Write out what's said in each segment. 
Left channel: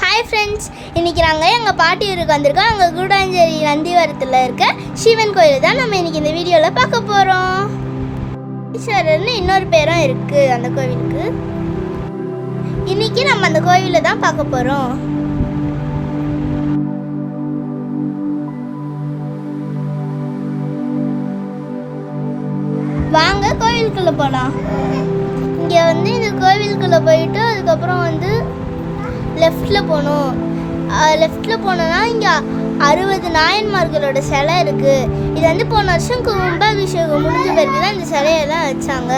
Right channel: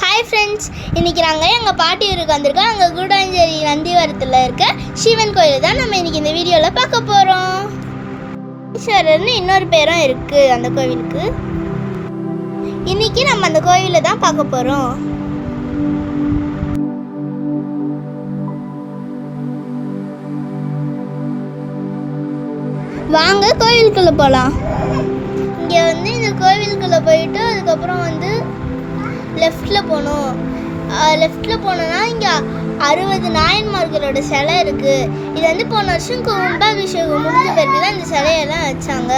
Hi friends, இன்றைக்கி நாங்கள் எங்கள் பாட்டி ஊருக்கு வந்திருக்கோம். அங்கே கூடாஞ்சேரி நந்திவரத்தில் இருக்க சிவன் கோயில் தான் நம்ம இன்றைக்கி இந்த வீடியோவில் பார்க்க போகிறோம். ஈஸ்வரர்னு இன்னொரு பேரும் இருக்குது அந்த கோவிலுக்கு. இன்றைக்கி நம்ம அந்த கோவிலை தான் பார்க்க போகிறோம். வாங்க கோவிலுக்குள்ளே போகலாம். இங்கே இந்த கோவிலுக்குள்ளே போயிட்டு அதுக்கப்புறம் லெஃப்டில் போகணும். லெஃப்டில் போனோன்னா இங்கே 60 நாயன்மார்களோட சிலை இருக்குது. இது போன வருஷம் கும்பாபிஷேகம் முடிஞ்ச பிறகு தான் இந்த சிலையெல்லாம் வச்சாங்க.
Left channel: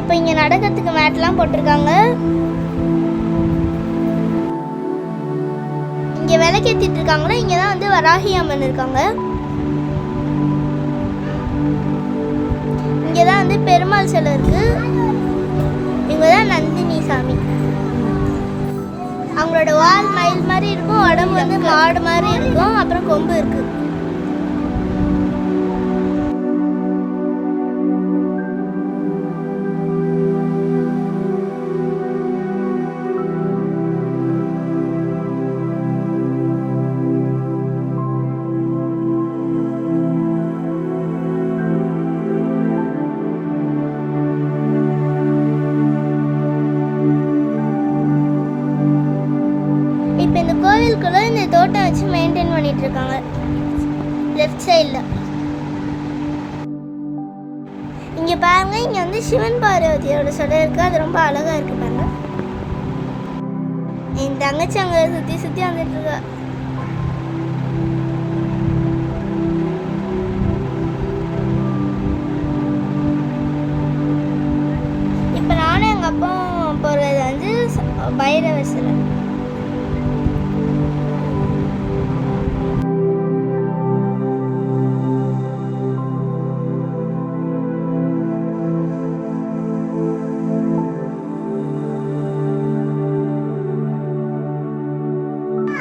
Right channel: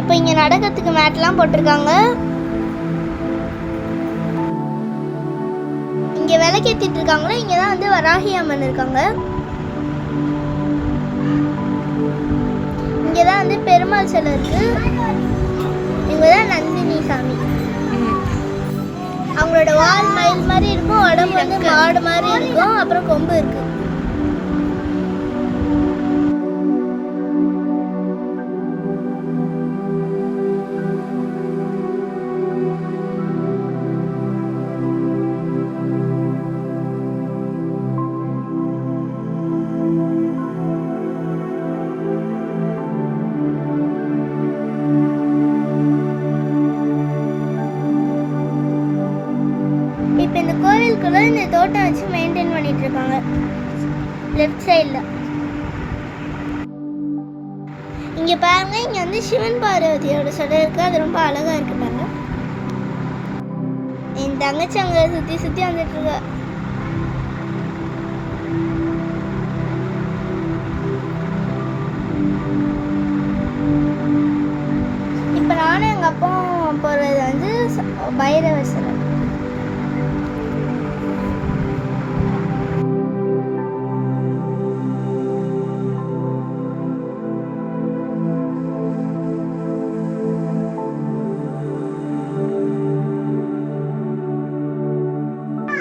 இப்போ இங்கே நடக்கிறதுக்கு மேட்லாம் போட்டிருக்காங்க. இங்கே விளக்கேற்றிட்டு இருக்காங்களோ இங்கே தான் வராகி அம்மன் இருக்காங்க. இங்கே தான் பெருமாள் சிலை இருக்கு. இங்கே தான் நந்தினி சாமி. அவங்களோட வால் மயில் மாதிரி இருக்கும், உடம்பு மாடு மாதிரி இருக்கும், அப்புறம் கொம்பு இருக்கு. இப்போ இந்த கோவிலுக்குள்ள இந்த தோட்டம் வச்சு மெயின்டைன் பண்ணிட்டு இருக்காங்க. லெஃப்ட் சைடில் இங்கே பாருங்க, இங்கே சிவன் பார்வதியோட சிலை இருக்கு. அது ரொம்ப அழகா இருக்கு பாருங்க. என் தங்கச்சி அங்கே சுற்றி சுற்றி வந்துட்டு இருக்கா. இப்போ நானும் எங்கள் அப்பா போகிறது பைரவர் சிலை.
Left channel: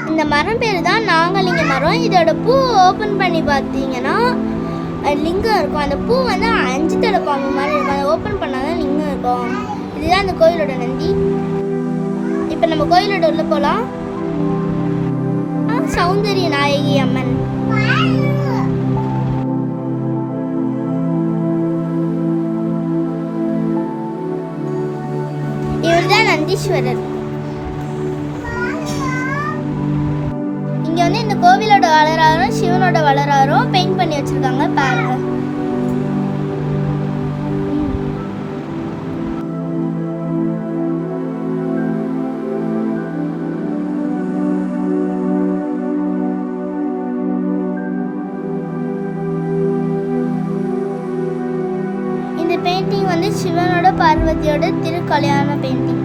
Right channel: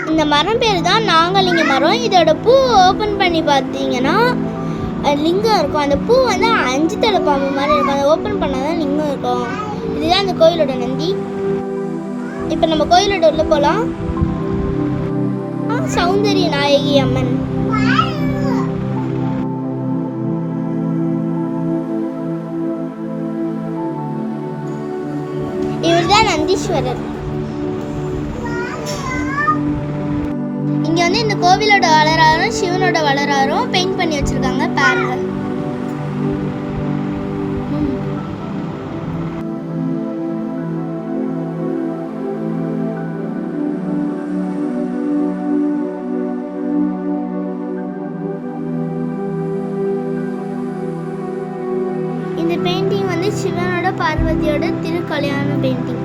இந்த மரம் பேர் தான் நாகலிங்க மரம். இதோட பூ ஓப்பன் பண்ணி பார்த்தீங்கன்னா லிங்கம் இருக்கும். அந்த பூ 5 தலை பாம்பு மாதிரி இருக்கும். அதை ஓப்பன் பண்ணால் தான் லிங்கம் இருக்கும். இதுதான் அந்த கோயிலோட நந்தி. இப்போ நம்ம கோயிலோட உள்ள போகலாம். சௌந்தரிய நாயகி அம்மன். இவர் தான் நந்தீஸ்வரர். இங்கே இந்த கோவிலோட வளராரும் சிவனோட வளராரும் பெயிண்ட் பண்ணி வச்சிருக்காங்க பாருங்க. இந்த பெயிண்டிங் சிவனோட பார்வதியோட திருக்கல்யாண பெயிண்டிங்.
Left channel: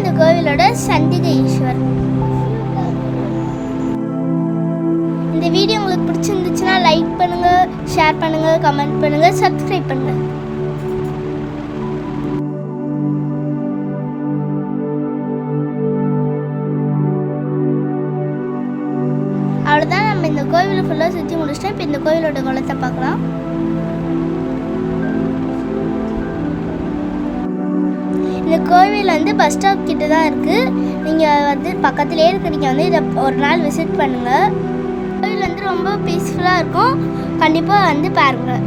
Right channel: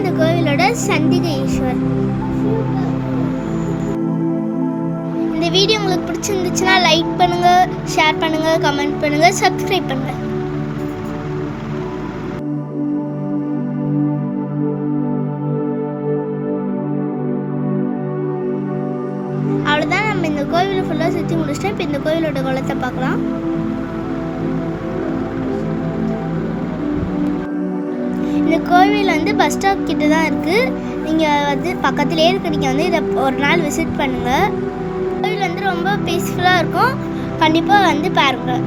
இந்த கோவிலோட சண்டிகை ஈஸ்வர். இந்த வீடியோ உங்களுக்கு பிடிச்சிருந்துச்சுன்னா லைக் பண்ணுங்க, ஷேர் பண்ணுங்க, கமெண்ட் பண்ணுங்க, சப்ஸ்கிரைப் பண்ணுங்க. அவ்வளோதான், நம்ம இந்த கோவிலை ஃபுல்லாக சுற்றி முடிச்சிட்டோம். இப்போ இந்த கோவிலோட குளத்தை பார்க்கலாம். இந்த கோவில் பஸ் ஸ்டாப் கிட்ட தான் இருக்குது. நீங்கள் பக்கத்துலேயே இருக்கு. நீங்கள் இதை ஒரு நாள் விசிட் பண்ணுங்கள். கோவில் ரொம்ப பீஸ்ஃபுல்லாக இருக்கும். கண்டிப்பாக பாருங்கள்.